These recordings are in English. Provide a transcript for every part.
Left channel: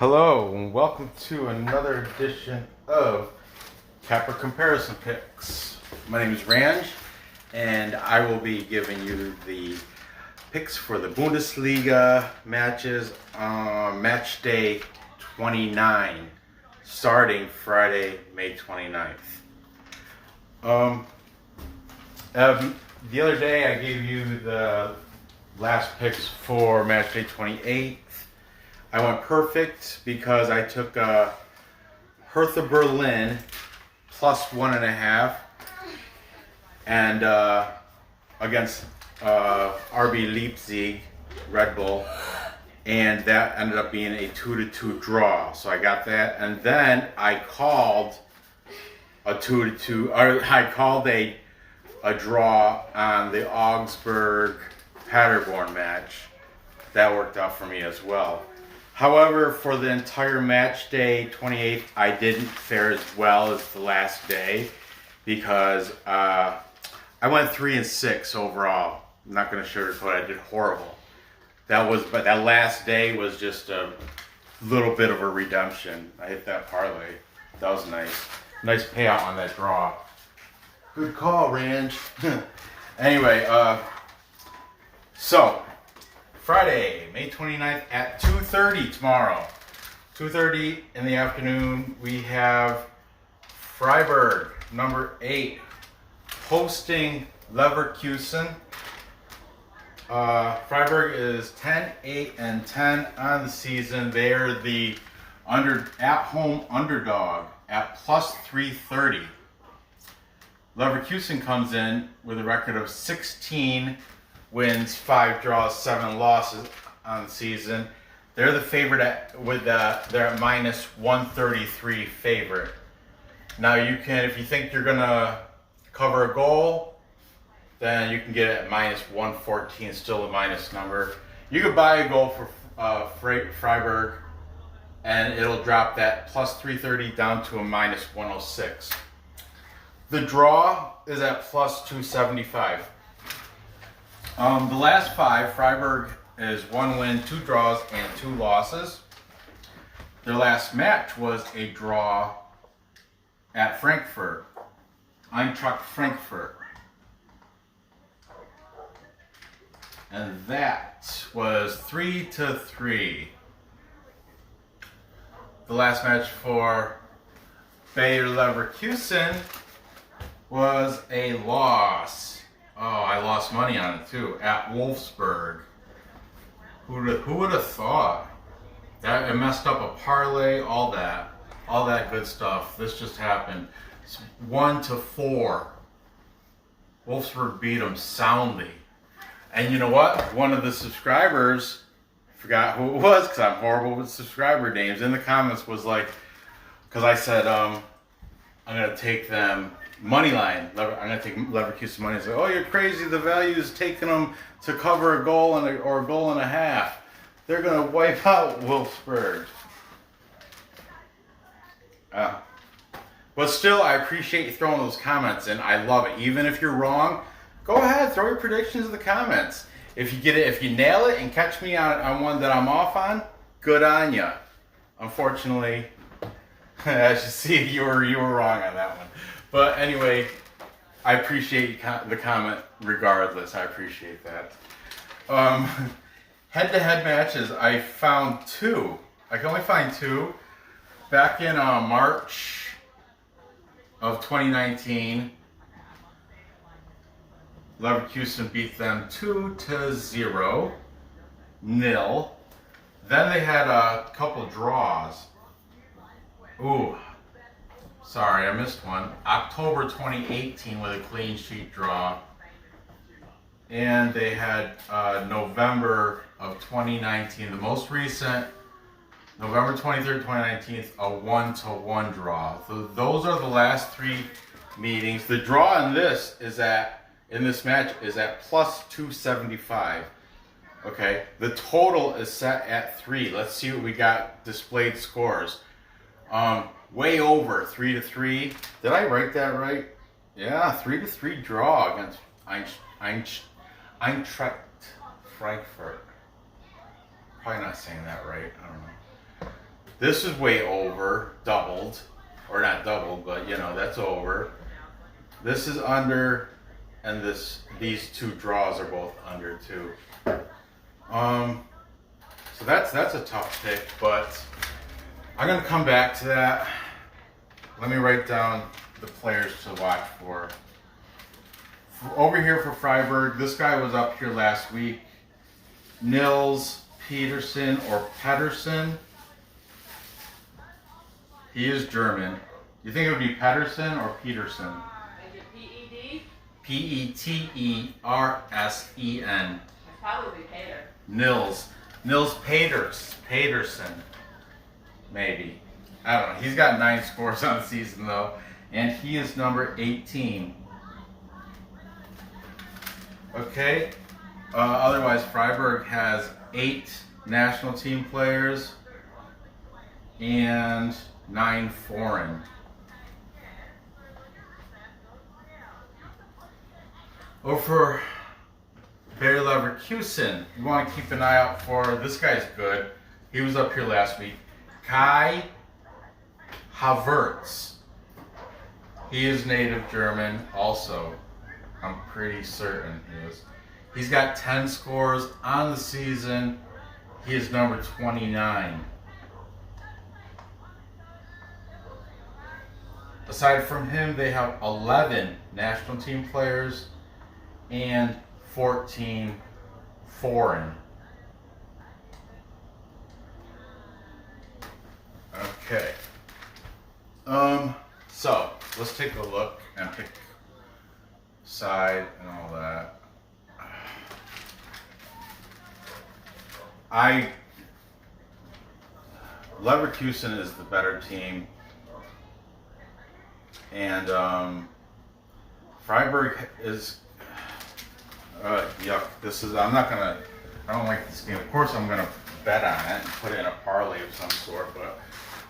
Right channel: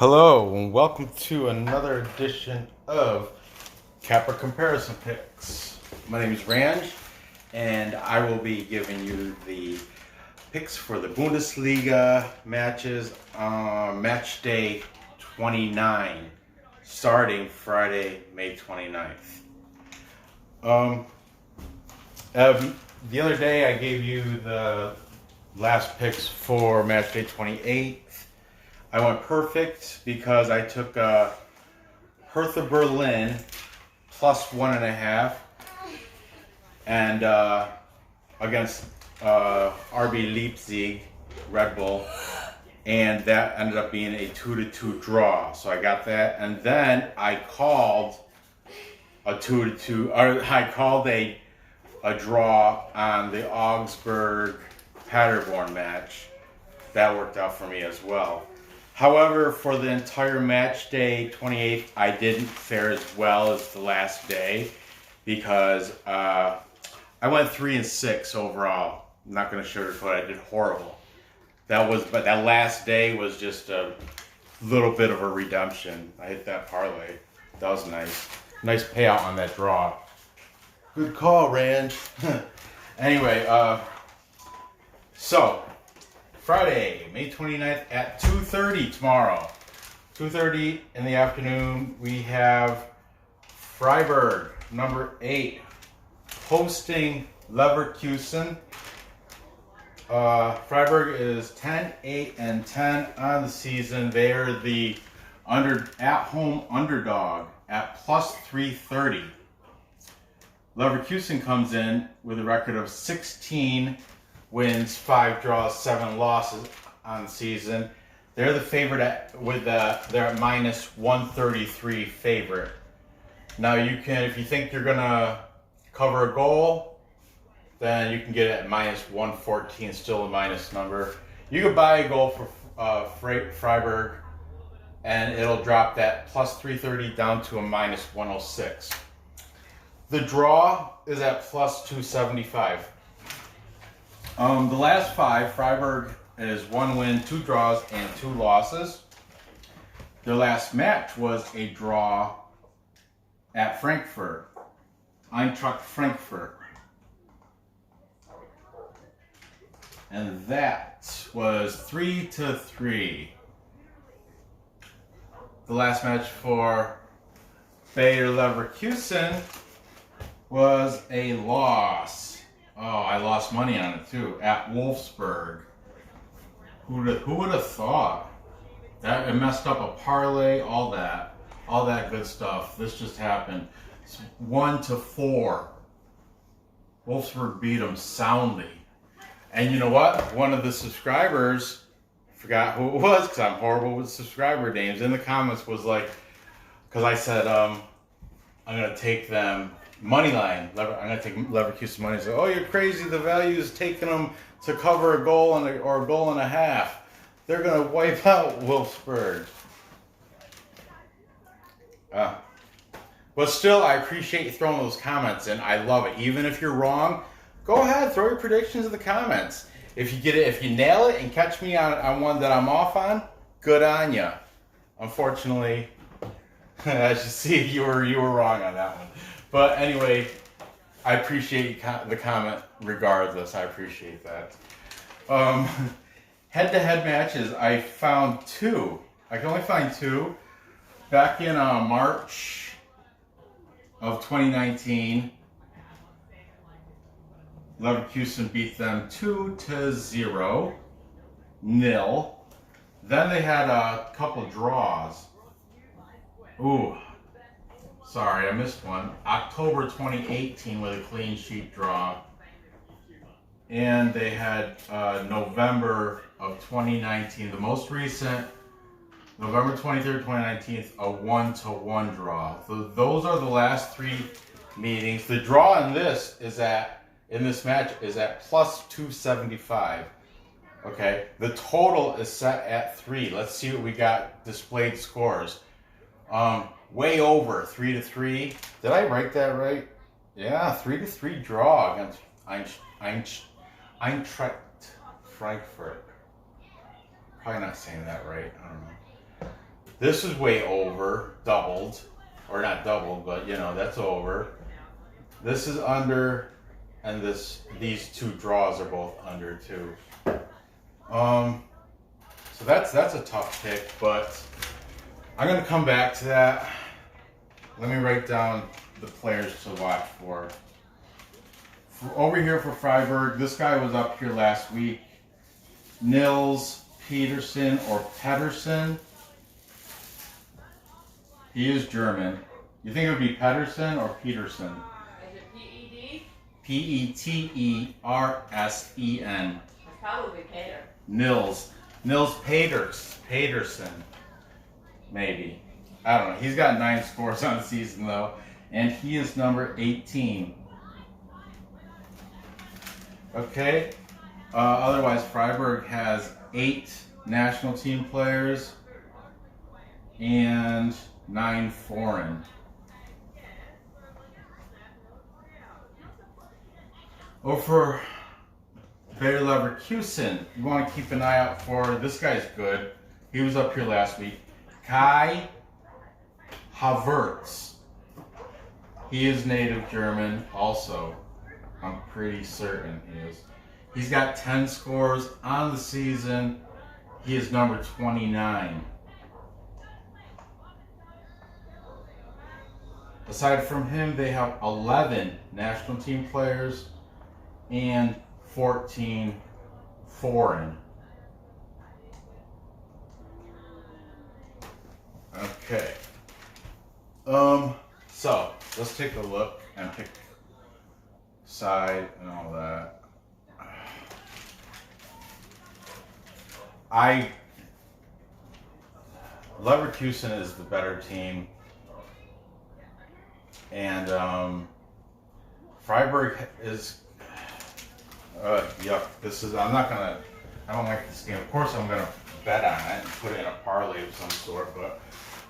Hello and welcome to another edition of Capper Comparison Picks. My name is Ranj and I will be giving you the picks for the Bundesliga matches on Matchday 29 starting Friday, May 29th. The other day I gave you the last picks for Matchday 28. I went perfect because I took Hertha Berlin plus 1.5 and against RB Leipzig, Red Bull, and that ended up being a 2-2 draw. So I got that, and then I called a 2-2, or I called a draw on the Augsburg Paderborn match. That worked out for me as well. However, for the entire match day 28th, I didn't fare as well as the last day because I went 3-6 overall. I'm not going to sugarcoat it. I did horrible. But that last day was just a little bit of a redemption. I hit that parlay. That was nice. Nice payout on that draw. Good call, Ranj. Anyway, so Friday, May 29th at 2:30 tomorrow. 2:30 in the afternoon, we have Freiburg, number 8, hosting Leverkusen. Freiburg is 10-8-10 on the season. They are the at-home underdog at plus 330. Leverkusen comes in with a record of 16 wins, 5 draws, 7 losses on the season. They're the favorite they're at minus 133 favorite. Now you can, if you think you're gonna cover a goal, then you can get it at minus 114, still a minus number. You could buy a goal for Freiburg, and it'll drop that plus 330 down to a minus 106. The draw is at plus 275. The last 5, Freiburg is 1 win, 2 draws, and 2 losses. Their last match was a draw at Frankfurt, Eintracht Frankfurt. And that was 3-3. The last match for Bayer Leverkusen was a loss. Oh, I lost money on it too, at Wolfsburg. Who would have thought? That it messed up a parlay, all that good stuff. This just happened. It's 1-4. Wolfsburg beat them soundly. And you know what? One of the subscribers, forgot who it was because I'm horrible with subscriber names, in the comments was like, because I said, I'm going to take them money line. I'm going to take Leverkusen money. I said, oh, you're crazy. The value is taking them to cover a goal or a goal and a half. They're going to wipe out Wolfsburg. But still, I appreciate you throwing those comments in. I love it. Even if you're wrong, go ahead, throw your predictions in the comments. If you get it, if you nail it and catch me on one that I'm off on, good on ya. Unfortunately, as you see, you were wrong on that one. But anyway, I appreciate the comment regardless. I appreciate that. Head-to-head matches, I found 2. I can only find 2. Back in March of 2019, Leverkusen beat them 2-0. Then they had a couple draws. Ooh. Sorry, I missed one. October 2018 with a clean sheet draw. And they had November of 2019, the most recent, November 23rd, 2019, a 1-1 draw. So those are the last 3 meetings. The draw in this match is at plus 275. Okay, the total is set at 3. Let's see what we got displayed scores. Way over 3-3. Did I write that right? Yeah, 3-3 draw against Eintracht Frankfurt. Probably not saying that right. I don't know. This is way over, doubled. Or not doubled, but you know, that's over. This is under, and these two draws are both under too. So that's a tough pick, but I'm gonna come back to that. Let me write down the players to watch for. Over here for Freiburg, this guy was up here last week. Nils Peterson or Pedersen. He is German. You think it would be Pedersen or Peterson? Is it P-E-D? Petersen. It's probably Peter. Nils Peterson. Maybe. I don't know. He's got 9 scores on the season though. And he is number 18. Okay. Otherwise, Freiburg has 8 national team players and 9 foreign. Over Bayer Leverkusen, you want to keep an eye out for, this guy's good. He was up here last week. Kai Havertz. He is native German also. I'm pretty certain he is. He's got 10 scores on the season. He is number 29. Aside from him, they have 11 national team players and 14 foreign. Okay. So let's take a look and pick side and all that. Leverkusen is the better team, and Freiburg is yuck. I don't like this game. Of course I'm gonna bet on it and put it in a parlay of some sort, but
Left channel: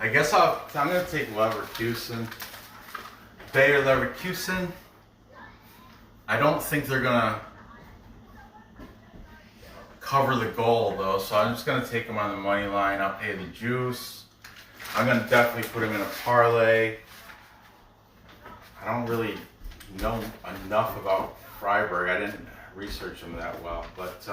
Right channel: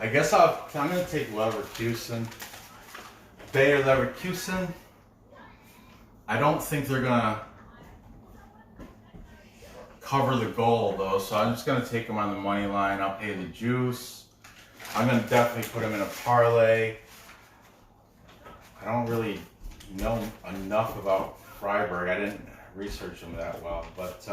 I guess I'm gonna take Leverkusen. Bayer Leverkusen. I don't think they're gonna cover the goal though, so I'm just gonna take them on the money line. I'll pay the juice. I'm gonna definitely put them in a parlay. I don't really know enough about Freiburg. I didn't research them that well, but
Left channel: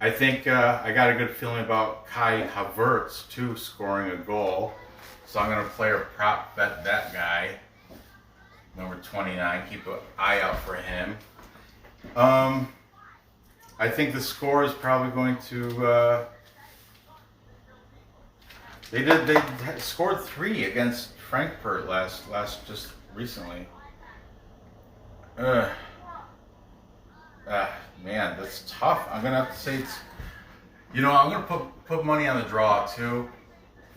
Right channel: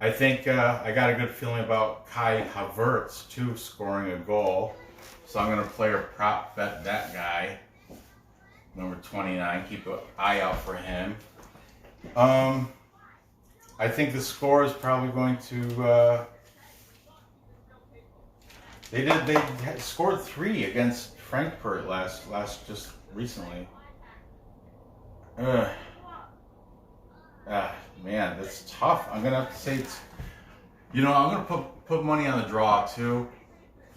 I think I got a good feeling about Kai Havertz too scoring a goal. So I'm gonna play or prop bet that guy, number 29. Keep an eye out for him. I think the score is probably going to. They scored 3 against Frankfurt last just recently. Man, that's tough. I'm gonna have to say it's. I'm gonna put money on the draw too.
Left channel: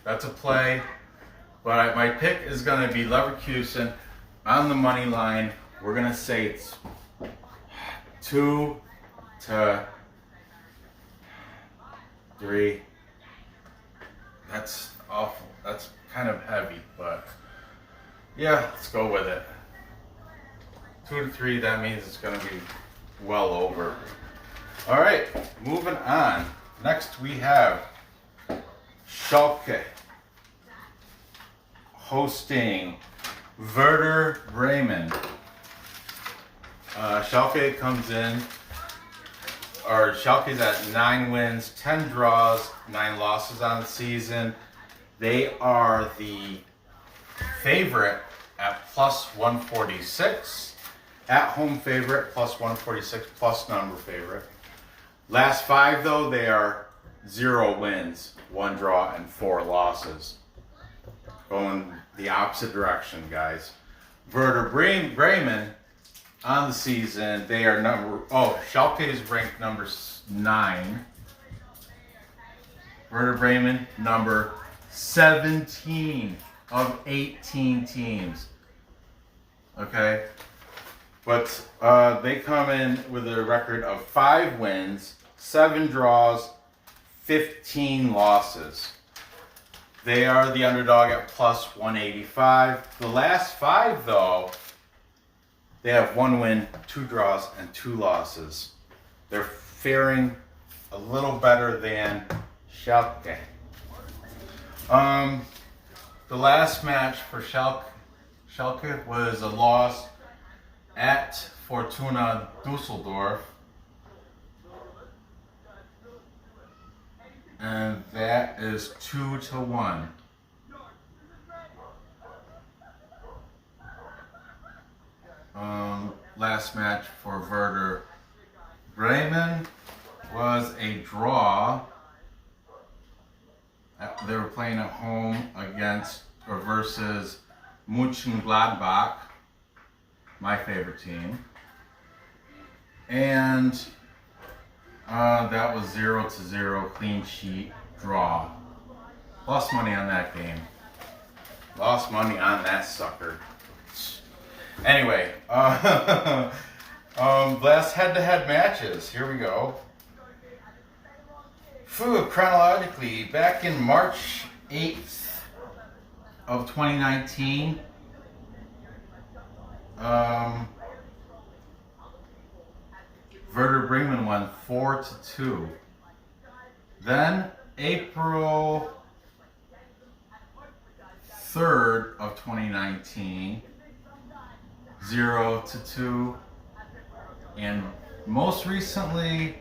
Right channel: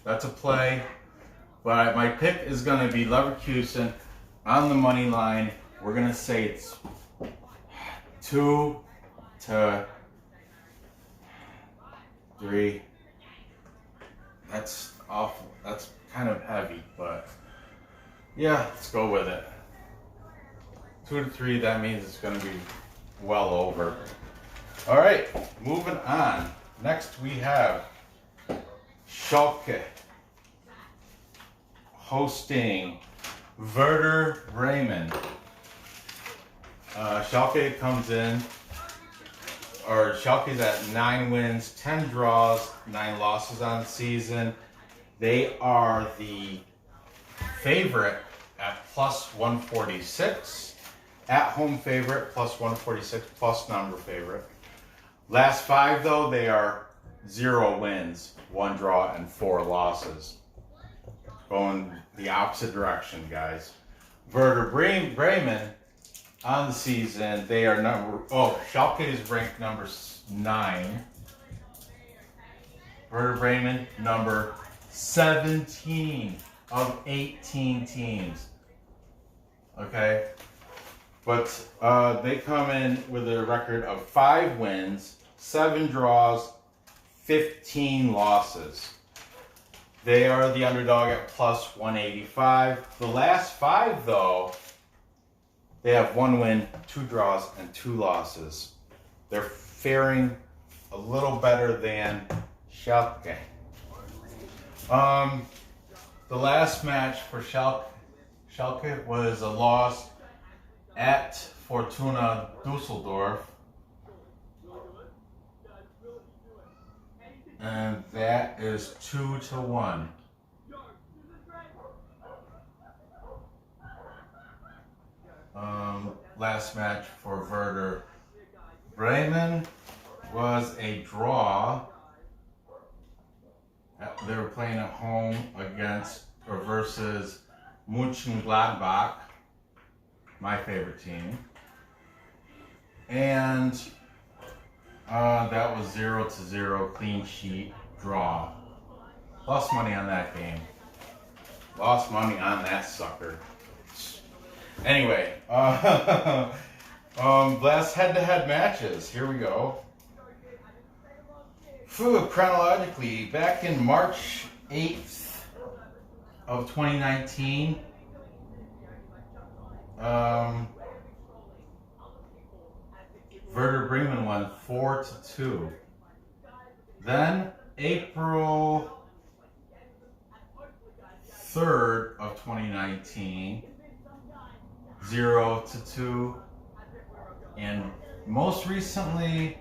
That's a play. But my pick is gonna be Leverkusen on the money line. We're gonna say it's 2-3. That's awful. That's kind of heavy, but yeah, let's go with it. 2-3. That means it's gonna be well over. All right, moving on. Next we have Schalke hosting Werder Bremen. Schalke comes in, or Schalke's at 9 wins, 10 draws, 9 losses on the season. They are the favorite at plus 146. At home favorite, plus 146, plus number favorite. Last 5 though, they are 0 wins, 1 draw, and 4 losses. Going the opposite direction, guys. Werder Bremen on the season, they are Schalke is ranked number 9. Werder Bremen, number 17 of 18 teams. Okay? But they come in with a record of 5 wins, 7 draws, 15 losses. They are the underdog at plus 185. The last 5, though, they have 1 win, 2 draws, and 2 losses. They're faring a little better than Schalke. The last match for Schalke was a loss at Fortuna Dusseldorf. And that is 2-1. Last match for Werder Bremen was a draw. They were playing at home against or versus Mönchengladbach, my favorite team. And that was 0-0, clean sheet draw. Lost money on that game. Lost money on that sucker. Anyway, last head-to-head matches. Here we go. Chronologically, back in March 8th of 2019, Werder Bremen won 4-2. Then April 3rd of 2019, 0-2. And most recently,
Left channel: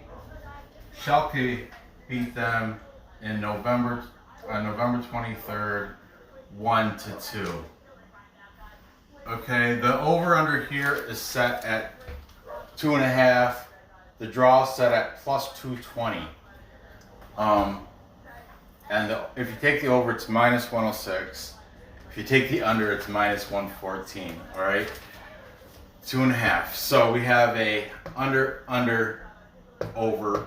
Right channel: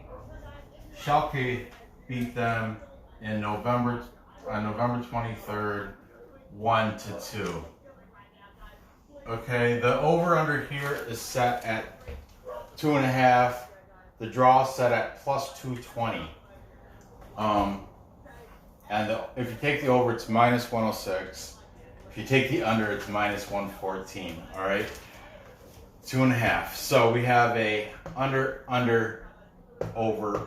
Schalke beat them in November 23rd, 1-2. Okay, the over-under here is set at 2.5. The draw set at +220. And if you take the over, it's -106. If you take the under, it's -114. All right, 2.5. So we have a under, over.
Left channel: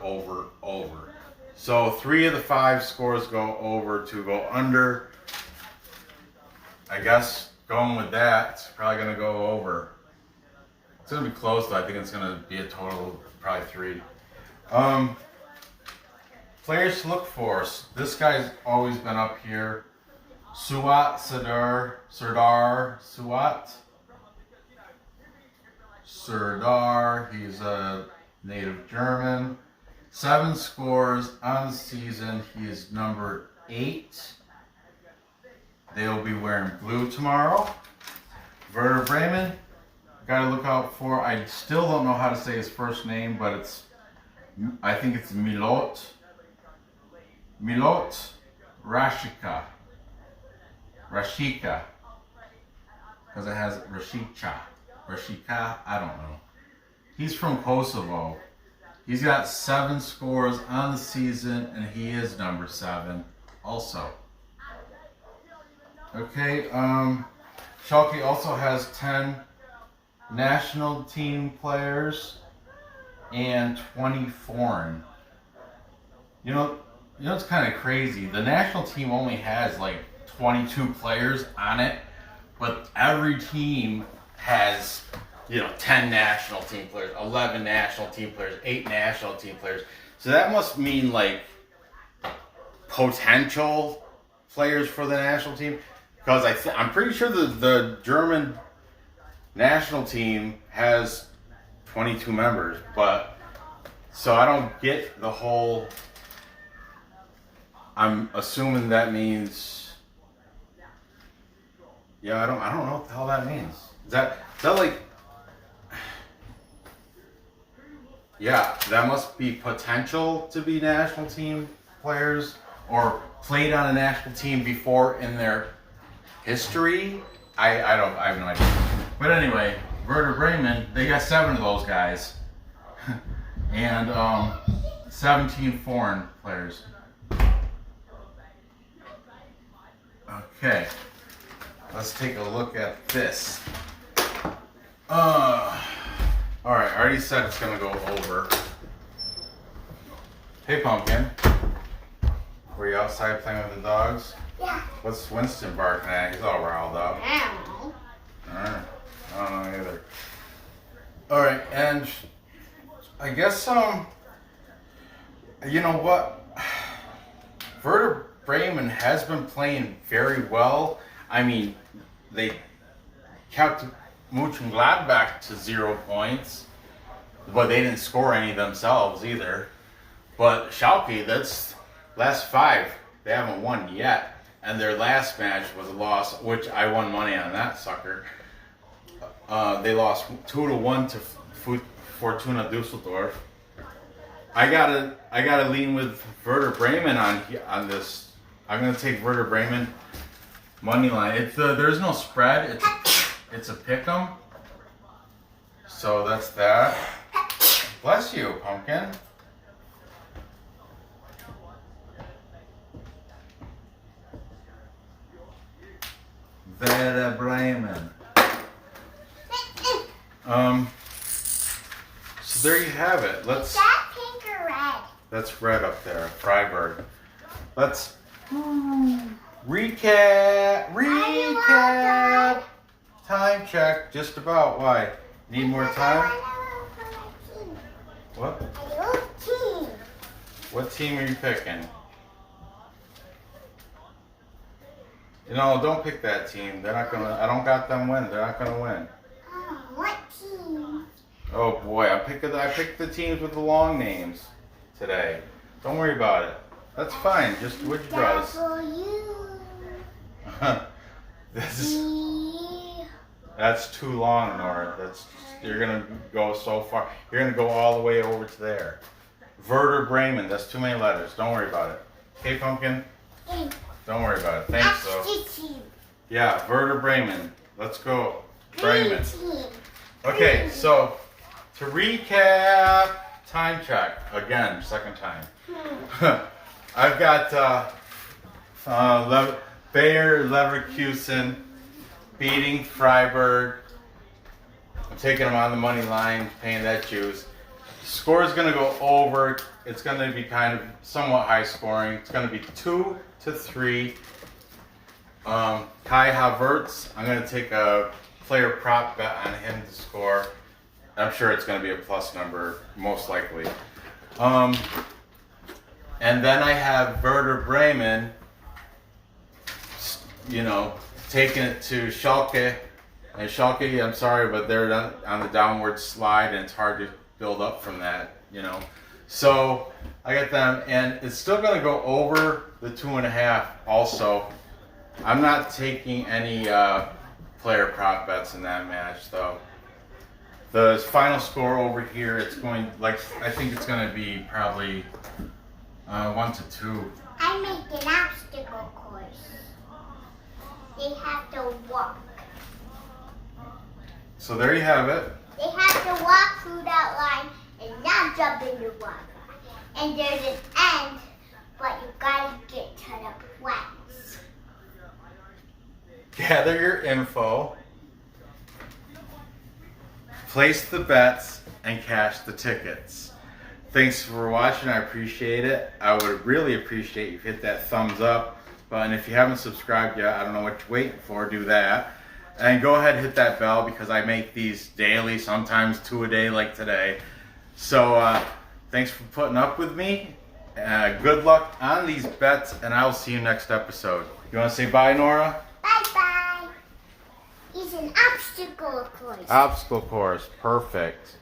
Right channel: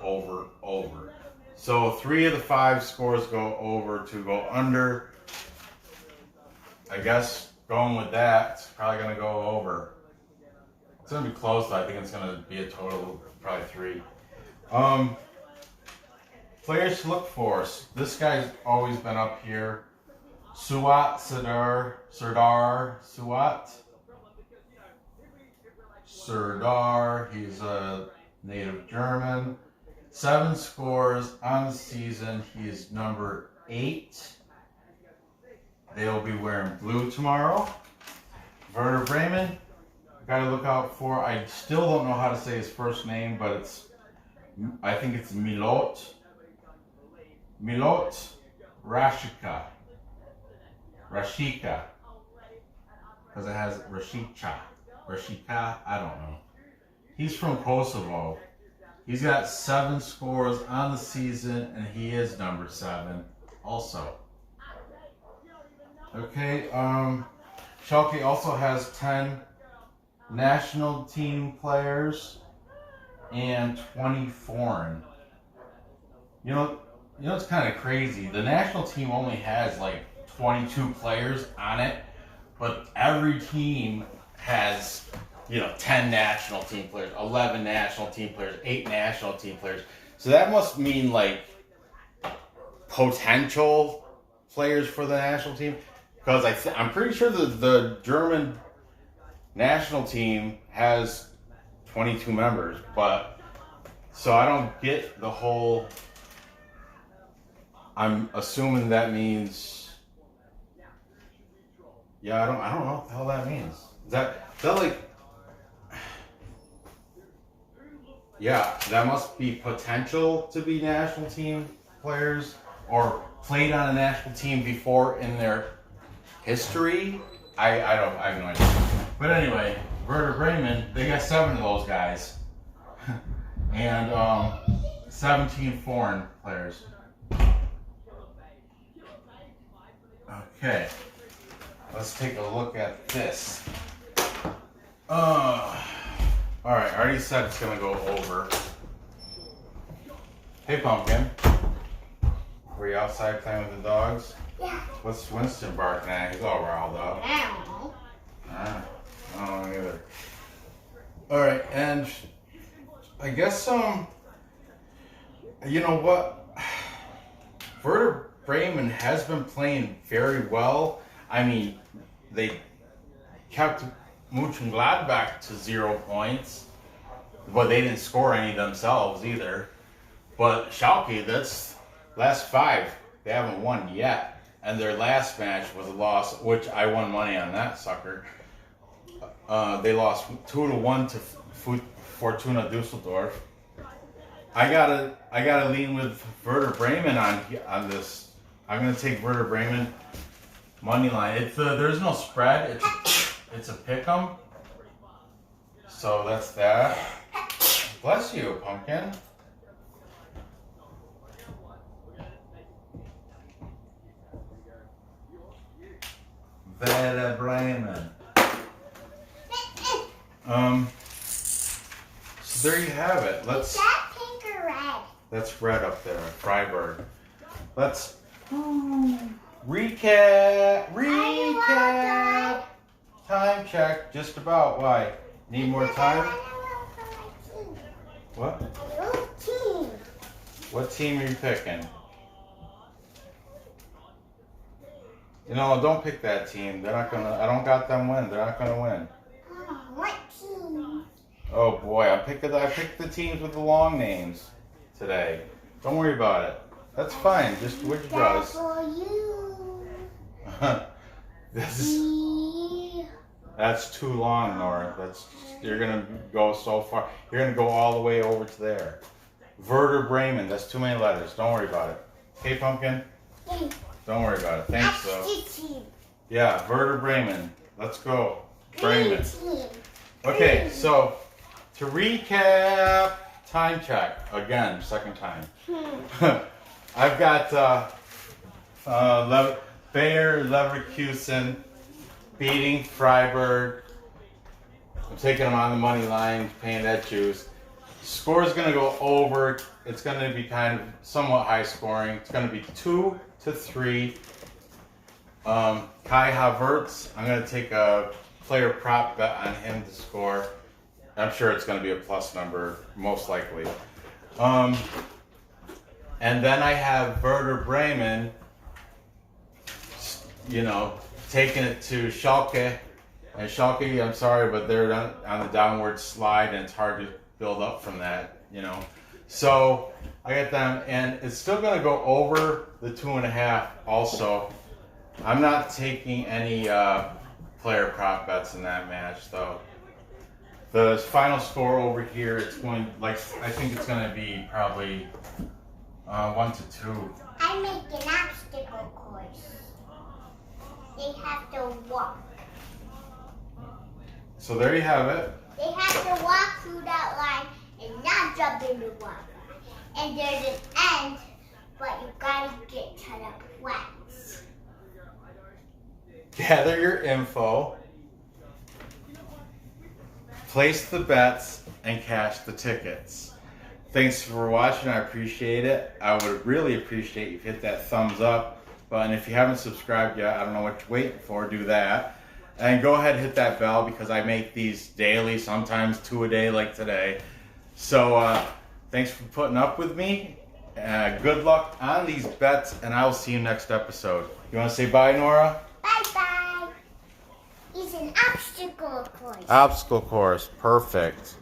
So 3 of the 5 scores go over, 2 go under. I guess going with that, it's probably going to go over. It's going to be close, though. I think it's going to be a total of probably 3. Players to look for. This guy's always been up here. Serdar Serdar. He's a native German. 7 scores on the season. He is number 8. They'll be wearing blue tomorrow. Werder Bremen, got to look out for. I still don't know how to say his first name, but I think it's Milot Rashika, because it has Rashika, I don't know. He's from Kosovo. He's got 7 scores on the season, and he is number 7 also. Okay, Schalke also has 10 national team players and 20 foreign. You know, it's kind of crazy. The national team only has like 22 players on it, but every team has, 10 national team players, 11 national team players, 8 national team players. So that must mean like potential players for the national team. Because I'm pretty sure the German national team has 22 members, but so I don't get the whole. I'm assuming that means. Yeah, I don't know what the hell that means. Is that like? Yeah, that must be potential to be national team players or played on a national team before in their history. I have no idea. But anyway, Werder Bremen, they got 7 of those guys. And 17 foreign players. Okay. Let's take a look at this. Alright, I already said it's gonna go over. Hey Pumpkin. Were you outside playing with the dogs? Yeah. What's Winston barking at? He's all riled up. I don't know. Alright. I don't know either. Alright, and I guess, you know what? Werder Bremen has been playing very well. I mean, they kept Mönchengladbach to 0 points, but they didn't score any themselves either. But Schalke, that's last 5. They haven't won yet. and their last match was a loss, which I won money on that sucker. They lost 2-1 to Fortuna Düsseldorf. I gotta lean with Werder Bremen on this. I'm gonna take Werder Bremen money line. There's no spread. It's a pick'em. So that's that. Bless you, pumpkin. Werder Bremen. So there you have it. Is that pink or red? That's red up there, Freiburg. Let's recap. Time check. Just about. Why? Need more time? What? What team are you picking? You know, don't pick that team. They're not gonna. I don't got them win. They're not gonna win. What team? Oh boy, I picked the teams with the long names today. Don't worry about it. That's fine. Just do what you brothers. That's too long, Nora. You're gonna go so far. You're gonna go all the way over to there. Werder Bremen. That's too many letters. Don't worry about it. Okay, pumpkin. Don't worry about it. Thanks, though. Yeah, Werder Bremen. Let's go, Bremen. Okay, so to recap, time check again, second time. I've got Bayer Leverkusen beating Freiburg. I'm taking them on the money line, paying that juice. Score is going to go over. It's going to be kind of somewhat high scoring. It's going to be 2-3. Kai Havertz, I'm going to take a player prop bet on him to score. I'm sure it's going to be a plus number, most likely. And then I have Werder Bremen, you know, taking it to Schalke. And Schalke, I'm sorry, but they're on the downward slide, and it's hard to build up from that, you know. So I got them, and it's still going to go over the 2.5 also. I'm not taking any player prop bets in that match, though. The final score over here, it's going, like, I think it's going to be probably 1-2. I make an obstacle course. They have to walk. So there you have it. They have to walk through that line and not jump in the water. And there's an end, but you gotta get to the plants. Gather your info, place the bets, and cash the tickets. Thanks for watching. I appreciate it. I would really appreciate if you hit that thumbs up button. If you haven't subscribed yet, I don't know what you're waiting for. Do that. And go ahead and hit that bell because I make these daily, sometimes 2 a day like today. So thanks for putting up with me. Good luck on these bets, and I will see you next episode. You want to say bye, Nora? Bye-bye. It's an obstacle course. Obstacle course. Perfect.